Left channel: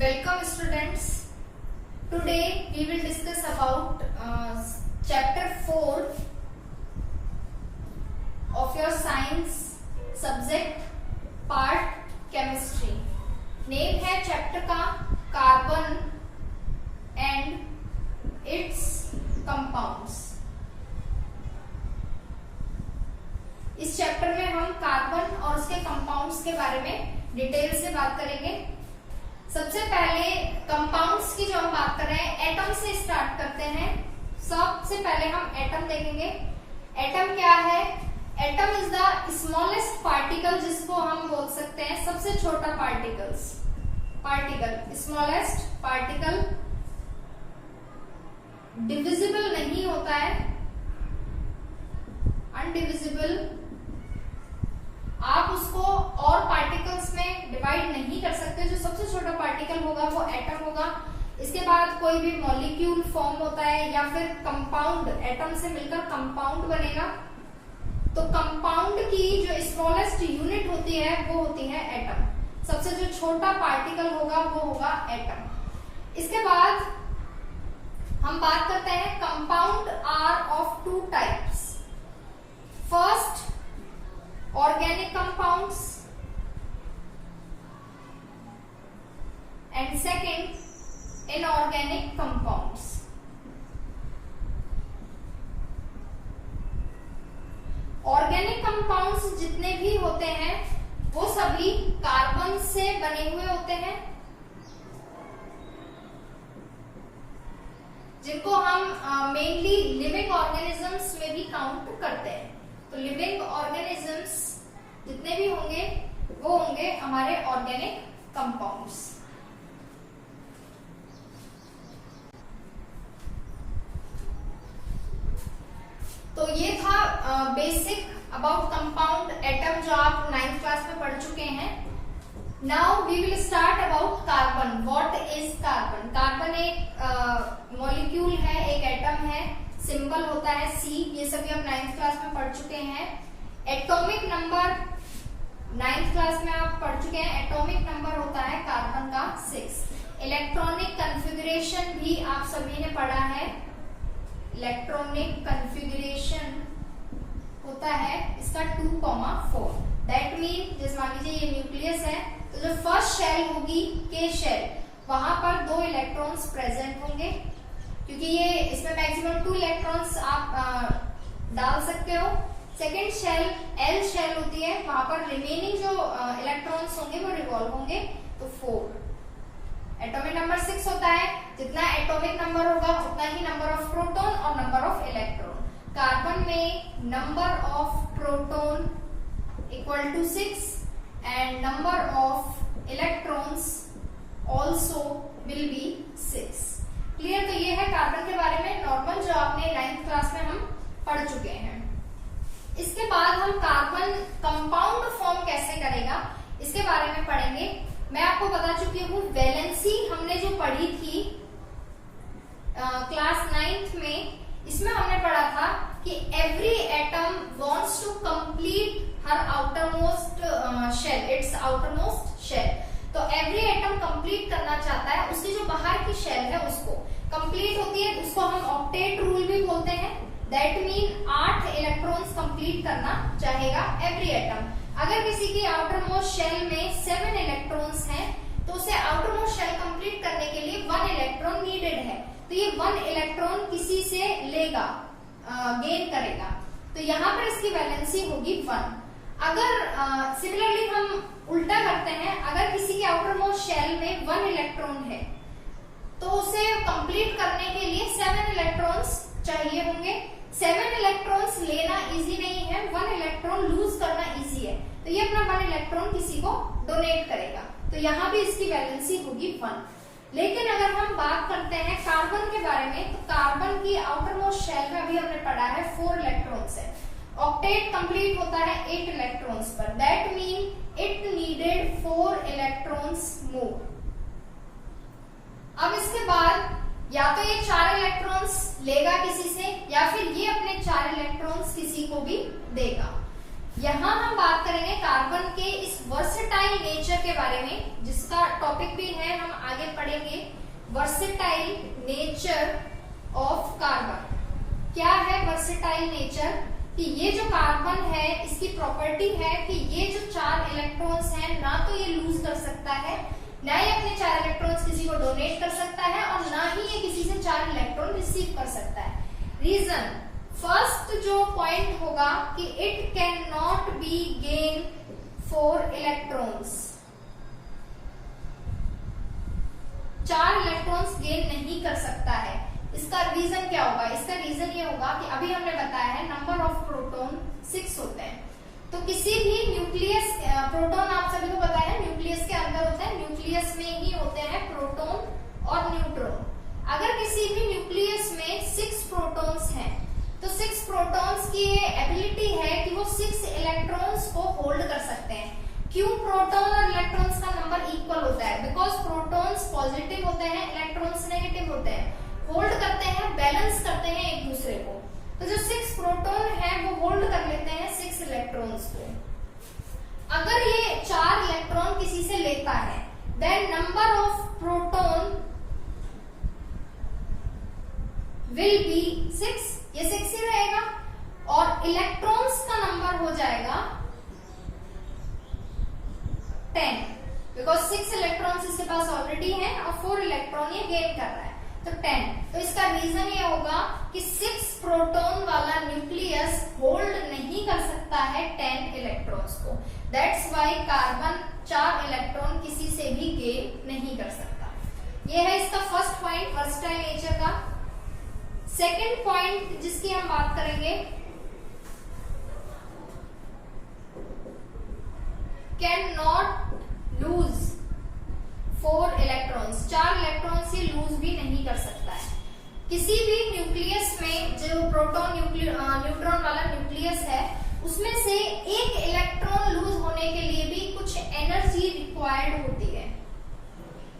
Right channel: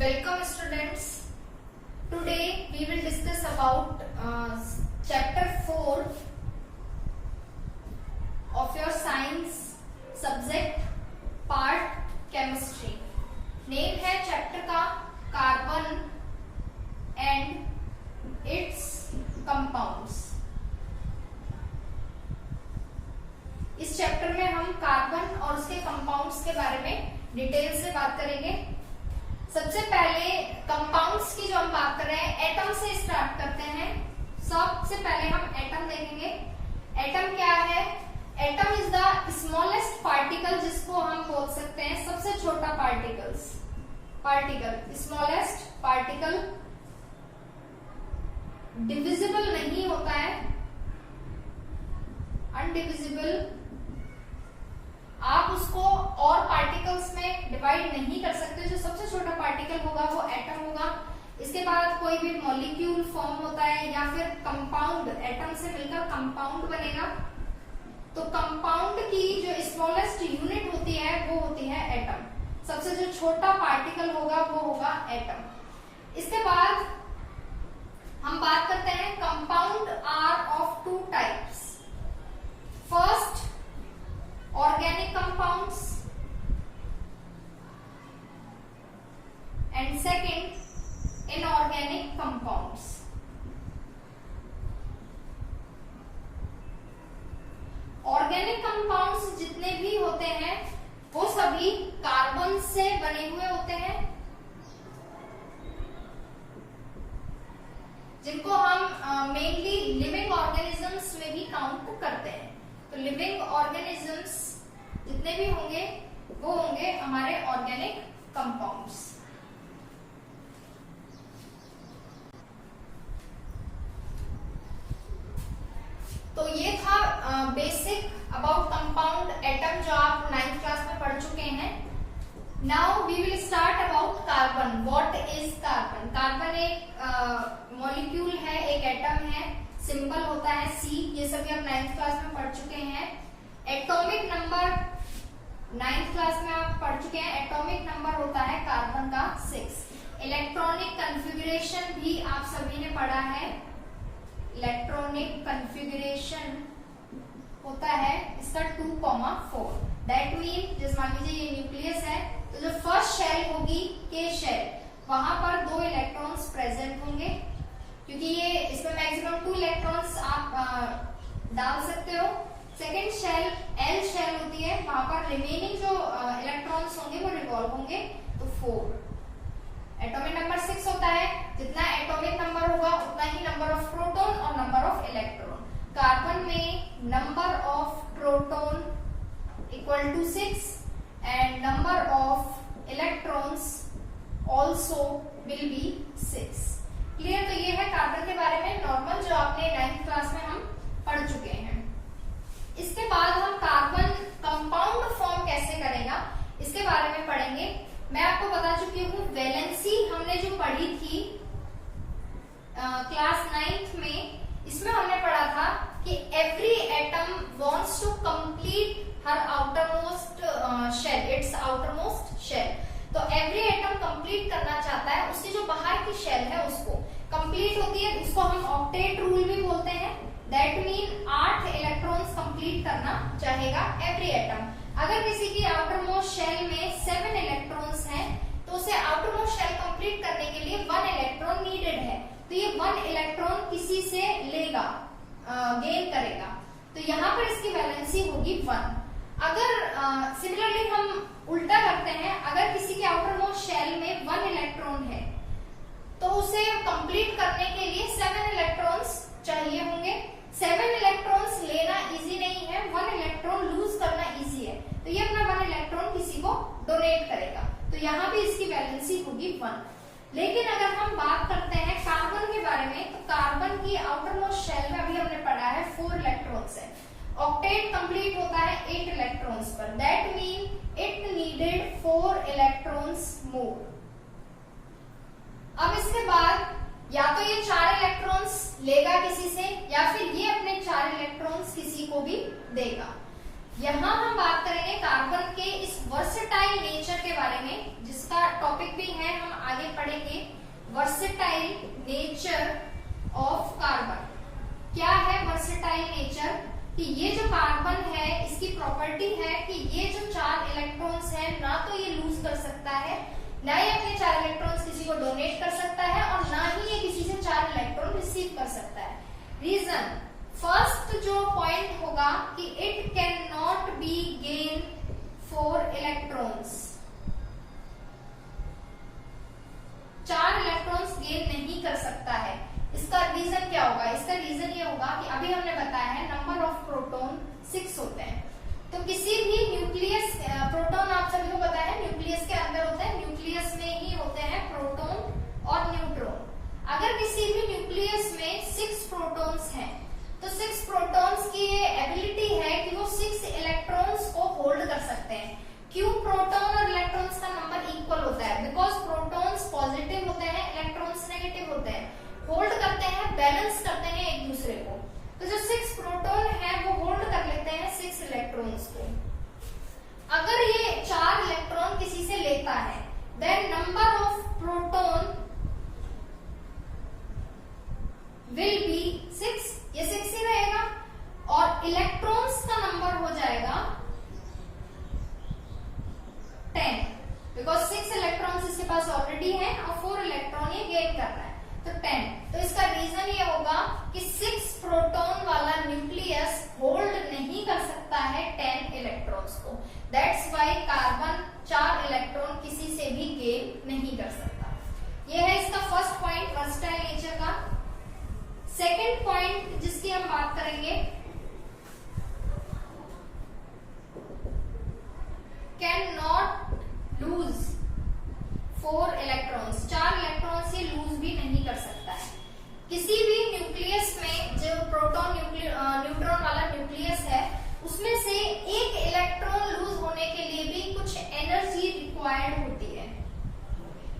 Welcome students. Today we will discuss about chapter 4 of your science subject part chemistry. Name है chapter का carbon and its compounds. इस chapter में हम carbon और उसके compounds के बारे में डिटेल से बात करेंगे। सबसे पहले कंपाउंड्स की जो हम बात कर रहे हैं, एटम से स्टार्ट करते हैं। सबसे पहले हम एटम देखेंगे। एटम क्या है? Atom is the smallest particle, जिसको हम बोल सकते हैं सबसे छोटा पार्टिकल। स्मॉलेस्ट पार्टिकल डिविजिबल नहीं होता है, अनडिविजिबल। आप उसको और पार्टिकल्स में डिवाइड नहीं कर सकते। जो सबसे छोटा पार्टिकल होगा वो एटम होगा। इसके बाद कोई भी मॉलिक्यूल फॉर्म होता है या फिर कंपाउंड, एटम से मिलकर कंपाउंड बनेगा। तो कंपाउंड की जो स्मॉलेस्ट यूनिट होती है वो होती है एटम। सबसे जो छोटा पार्टिकल होगा वो होगा एटम। इसके बाद हम बात करते हैं compound are of two types. First, organic compounds and second inorganic compounds. Organic compounds जितने भी होते हैं वो सभी कार्बन से बने हुए होते हैं, जिनको हम मेनली लिविंग ऑर्गेनिजम्स में भी काउंट करते हैं। तो लिविंग ऑर्गेनिजम्स जितने भी होंगे वो होंगे हमारे ऑर्गेनिक कंपाउंड्स। तो ये था बेसिक अबाउट कंपाउंड एटम, जो आप 9th क्लास में पढ़ चुके हैं। Now we will start about carbon. What is carbon? Carbon एक मॉलिक्यूल है, एक एटम है। सिंबल होता है C। ये सभी आप 9th क्लास में पढ़ चुके हैं। एटॉमिक नंबर 9th क्लास में आप पढ़ चुके हैं। एटॉमिक नंबर होता है कार्बन का 6। इलेक्ट्रॉनिक कन्फिगरेशन भी आप सभी ने पढ़ा है। इलेक्ट्रॉनिक कन्फिगरेशन होता है इसका 2,4। दैट मीन जैसे मान लीजिए ये न्यूक्लियस है, तो जो फर्स्ट शेल होगी के शेल, वहां पर 2 इलेक्ट्रॉन्स प्रेजेंट होंगे, क्योंकि ये इसमें मैक्सिमम 2 इलेक्ट्रॉन्स आप डाल सकते हो। सेकेंड शेल एल शेल होती है, वहां पर रिमेनिंग जो इलेक्ट्रॉन्स होंगे वो रिवॉल्व होंगे, तो 4। एटॉमिक नंबर 6 होता है। जितना एटॉमिक नंबर होगा उतना ही नंबर ऑफ प्रोटॉन और नंबर ऑफ इलेक्ट्रॉन। कार्बन में number of proton equal to 6 and number of electrons also will be 6। Clear? तो ये है कार्बन के बारे में नॉर्मल, जो आपने 9th क्लास में हम पढ़ चुके हैं। इसके बाद हम कार्बन कंपाउंड फॉर्म कैसे करेगा इसके बारे में पढ़ेंगे। मैं आपको बता चुकी हूँ वैलेंसी हमने जो पढ़ी थी क्लास 9th में, इसमें हमने पढ़ा था कि every atom wants to complete her outermost shell, its outermost shell. तो एवरी एटम कंप्लीट करना चाहता है, उसकी जो बाहर की शेल है उसको कंप्लीट होती है, उसको हम ऑक्टेट रूल भी बोलते हैं। दैट मीन 8 इलेक्ट्रॉन्स कंप्लीट करना चाहेगा एवरी एटम। अगर किसी की आउटरमोस्ट शेल में 7 इलेक्ट्रॉन्स हैं, तो उसे आउटरमोस्ट शेल कंप्लीट करने के लिए 1 इलेक्ट्रॉन नीडेड है। तो ये 1 इलेक्ट्रॉन किसी से लेगा, गेन करेगा। तो यहाँ पर इसकी वैलेंसी होगी 1। अगर सिमिलरली हम उल्टा करते हैं, अगर किसी के आउटरमोस्ट शेल में 1 इलेक्ट्रॉन है, तो उसे कंप्लीट करने के लिए 7 इलेक्ट्रॉन्स चाहिए होंगे। 7 इलेक्ट्रॉन्स लेना इजी नहीं है, 1 इलेक्ट्रॉन लूज करना इजी है। तो ये अपना 1 इलेक्ट्रॉन किसी को डोनेट करेगा, तो यहाँ भी इसकी वैलेंसी होगी 1। लेकिन अगर हम बात करते हैं कार्बन के बारे में, तो कार्बन की आउटरमोस्ट शेल में अभी हमने पढ़ा है 4 इलेक्ट्रॉन्स है। ऑक्टेट कंप्लीट होता है 8 इलेक्ट्रॉन्स पर। That mean it needed 4 electrons more. अब इसके बाद या तो ये 4 इलेक्ट्रॉन्स लेगा किसी से, या फिर ये अपने 4 इलेक्ट्रॉन्स किसी को भी देगा। यहाँ हम बात करेंगे कार्बन के इस वर्सेटाइल नेचर के बारे में, जिसका टॉपिक भी है हम आगे पढ़ेंगे वर्सेटाइल नेचर ऑफ कार्बन। क्या है वर्सेटाइल नेचर? कि ये जो कार्बन है इसकी प्रॉपर्टी है कि ये जो 4 इलेक्ट्रॉन्स हैं ना तो ये लूज कर सकता है, ना ही अपने 4 इलेक्ट्रॉन्स किसी को डोनेट कर सकता है, और ना ही ये किसी से 4 इलेक्ट्रॉन रिसीव कर सकता है। रीजन, फर्स्ट जो पॉइंट होगा कि it can not be gain 4 electrons, 4 electrons gain नहीं कर सकता है। इसका रीजन क्या होगा? इसका रीजन ये होगा कि अभी हमने बताया है नंबर ऑफ प्रोटॉन 6 होते हैं। तो किसी भी न्यूक्लियस, प्रोटॉन आप सभी को पता है न्यूक्लियस के अंदर होते हैं, न्यूक्लियस में ही होते हैं प्रोटॉन और न्यूट्रॉन। अगर किसी भी न्यूक्लियस में 6 प्रोटॉन्स हैं तो 6 प्रोटॉन्स की ये एबिलिटी है कि वो 6 इलेक्ट्रॉन्स को होल्ड कर सकते हैं। क्यों प्रोटॉन और इलेक्ट्रॉन्स का नंबर इक्वल होता है? बिकॉज प्रोटॉन्स पॉजिटिव होते हैं, इलेक्ट्रॉन्स नेगेटिव होते हैं, होल्ड करते हैं, बैलेंस करते हैं एक दूसरे को। तो जो 6 प्रोटॉन है वो होल्ड कर लेते हैं 6 इलेक्ट्रॉन्स को। अगर ये 4 इलेक्ट्रॉन किसी से लेता है then number of proton will be 6, ये 6 ही रहेगा, और इलेक्ट्रॉन्स का नंबर हो जाएगा 10, बिकॉज 6 इलेक्ट्रॉन्स इसके पास ऑलरेडी है और 4 इलेक्ट्रॉन ये गेन कर रहा है, तो 10। तो इसका रीजन ये होगा कि 6 प्रोटॉन वाला न्यूक्लियस होल्ड नहीं कर सकता है 10 इलेक्ट्रॉन्स को। दैट्स वाई कार्बन 4 इलेक्ट्रॉन किसी से भी गेन नहीं कर सकता। ये है इसका फर्स्ट पॉइंट वर्सेटाइल नेचर का। सेकेंड पॉइंट जिसकी हम बात करेंगे, can not lose 4 electrons, 4 electrons ये लूज भी नहीं कर सकता है। किसी भी न्यूक्लियस में जो प्रोटॉन न्यूट्रॉन वाला न्यूक्लियस है उसमें से एक इलेक्ट्रॉन लूज होने के लिए भी कुछ एनर्जी रिक्वायर्ड होती है।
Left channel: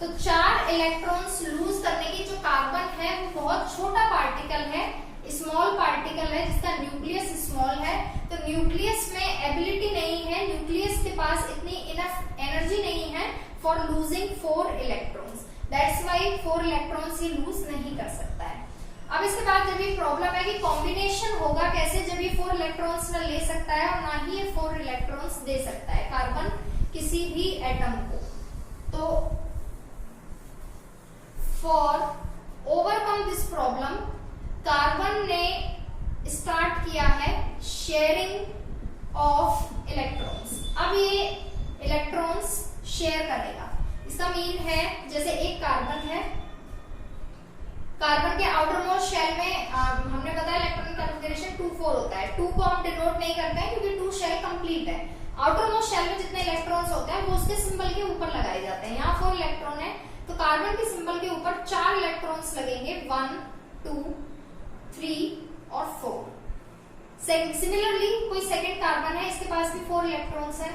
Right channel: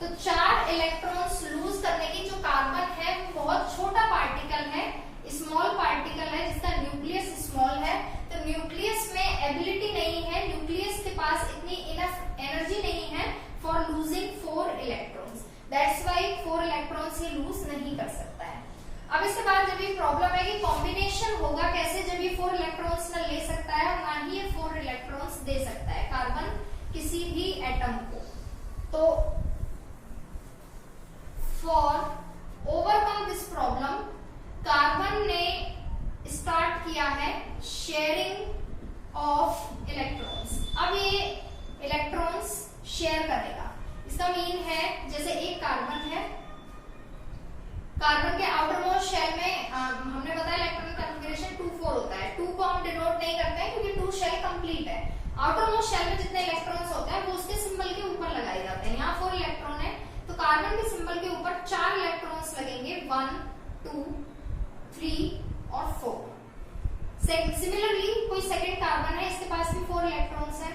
तो 4 इलेक्ट्रॉन्स लूज करने की जो कार्बन है वो बहुत छोटा पार्टिकल है, स्मॉल पार्टिकल है जिसका न्यूक्लियस स्मॉल है। तो न्यूक्लियस में एबिलिटी नहीं है, न्यूक्लियस के पास इतनी इनफ एनर्जी नहीं है for losing 4 electrons. That's why 4 electrons ये लूज नहीं कर सकता है। अब इसके बाद जब ये प्रॉब्लम है कि कॉम्बिनेशन होगा कैसे, जब ये 4 इलेक्ट्रॉन्स न ले सकता है और ना ही ये 4 इलेक्ट्रॉन्स दे सकता है कार्बन किसी भी एटम को। तो for overcome this problem carbon ने स्टार्ट किया है शेयरिंग ऑफ इलेक्ट्रॉन्स। अब ये इलेक्ट्रॉन्स शेयर करेगा। इसका मीन है जैसे एक कार्बन है, कार्बन के आउटर मोस्ट शेल में हमने बताया इलेक्ट्रॉन कॉन्फ़िगरेशन 2-4 होता है। 2 को हम डिनोट नहीं करते हैं क्योंकि 2 शेल कंप्लीट है। आउटर मोस्ट शेल में जितने इलेक्ट्रॉन्स होते हैं वो उसके सिंबल के ऊपर लगाए जाते हैं। यहाँ 4 इलेक्ट्रॉन है तो कार्बन के सिंबल के ऊपर 4 इलेक्ट्रॉन्स लगेंगे, 1, 2, 3 और 4। सिमिलरली कोई सेकेंड कार्बन है, इसके पास भी 4 इलेक्ट्रॉन्स है।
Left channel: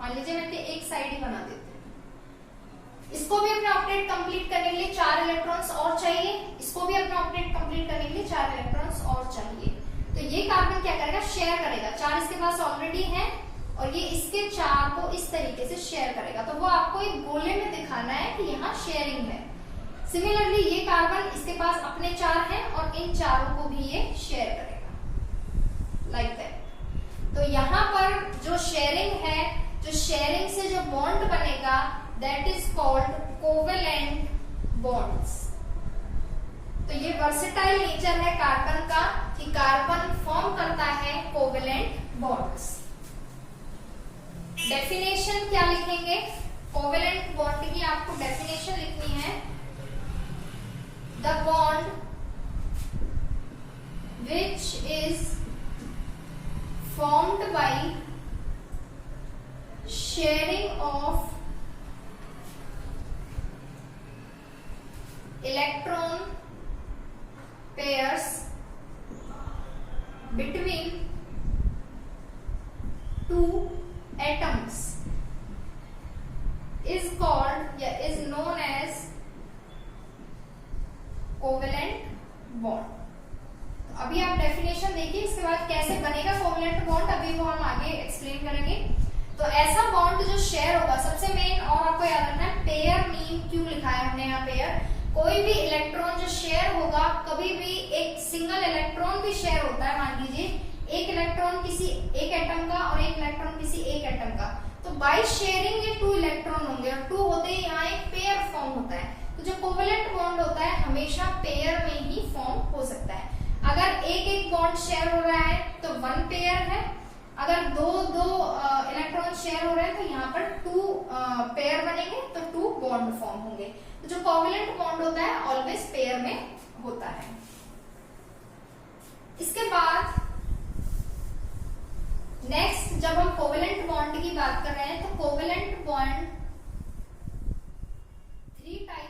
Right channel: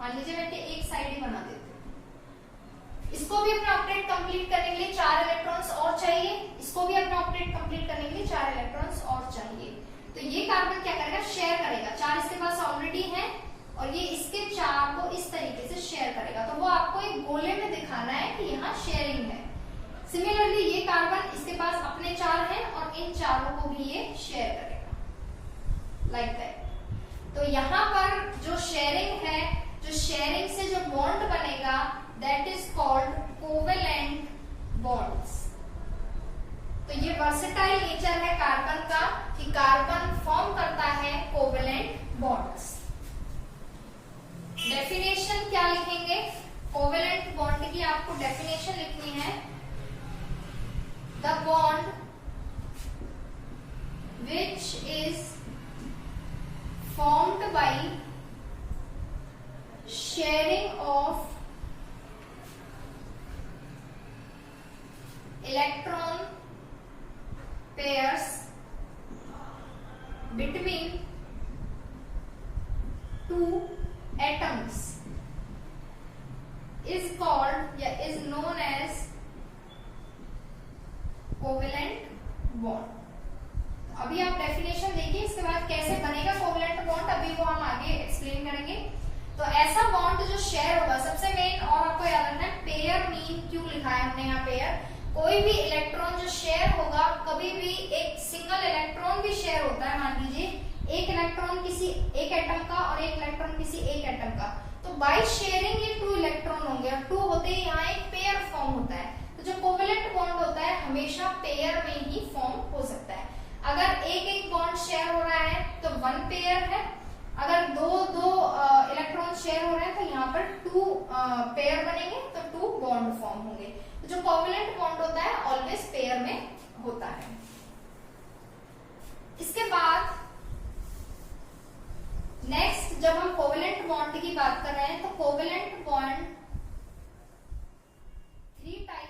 मान लीजिए मैं एक साइड ही बना देती हूँ। इसको भी अपना ऑक्टेट कंप्लीट करने के लिए 4 इलेक्ट्रॉन्स और चाहिए, इसको भी अपना ऑक्टेट कंप्लीट करने के लिए 4 इलेक्ट्रॉन्स और चाहिए। तो ये कार्बन क्या करेगा, शेयर करेगा। 4 इसके पास ऑलरेडी है और ये इसके 4 को इस तरीके से शेयर करेगा। तो वो आपको एक गोले में दिखाना है कि यहाँ शेयरिंग है। सिमिलरली ये कार्बन इसके पास अपने 4 हैं और इन चारों को भी ये शेयर करेगा, लाइक दैट। तो यहाँ पर जो शेयरिंग है, जो शेयरिंग से जो बॉन्ड बनेगा that is called covalent bonds. तो ये वर्सेटाइल नेचर है कार्बन का कि कार्बन फॉर्म करता है कोवेलेंट बॉन्ड्स। डेफिनेशन क्या लिखेंगे, कोवेलेंट बॉन्ड की आपको डेफिनेशन लिखनी है। The bond which is formed by sharing of electron pairs between 2 atoms is called या is known as covalent bond। अभी आप डेफिनेशन देखिए, इसके बाद कैसे बनेगा कोवेलेंट बॉन्ड अभी वो हम आगे एक्सप्लेन करेंगे। तो ऐसा बॉन्ड जो शेयर होगा, सबसे मेन और आपको याद रखना है पेयर मीन क्यों लिखा है हमने यहाँ पेयर। कोई भी इलेक्ट्रॉन जो शेयर होगा, कभी भी एक सिंगल इलेक्ट्रॉन भी शेयर होता है, मान लीजिए एक इलेक्ट्रॉन किसी एक एटम का और एक इलेक्ट्रॉन किसी एक एटम का, तो बाय शेयरिंग ये 2 इलेक्ट्रॉन होंगे और 2 होते ही यहाँ एक पेयर फॉर्म होता है। तो जो कोवेलेंट बॉन्ड होता है हमेशा पेयर में ही फॉर्म हो सकता है। अगर एक एक बॉन्ड शेयर हो रहा है तो 1 पेयर है, अगर दो इलेक्ट्रॉन शेयर हो रहे हैं तो यहाँ पर 2 पेयर बनेंगे, तो 2 बॉन्ड फॉर्म होंगे। तो जो कोवेलेंट बॉन्ड होता है ऑलवेज पेयर में होता है। इसके बाद नेक्स्ट जब हम कोवेलेंट बॉन्ड की बात कर रहे हैं तो कोवेलेंट बॉन्ड 3 टाइप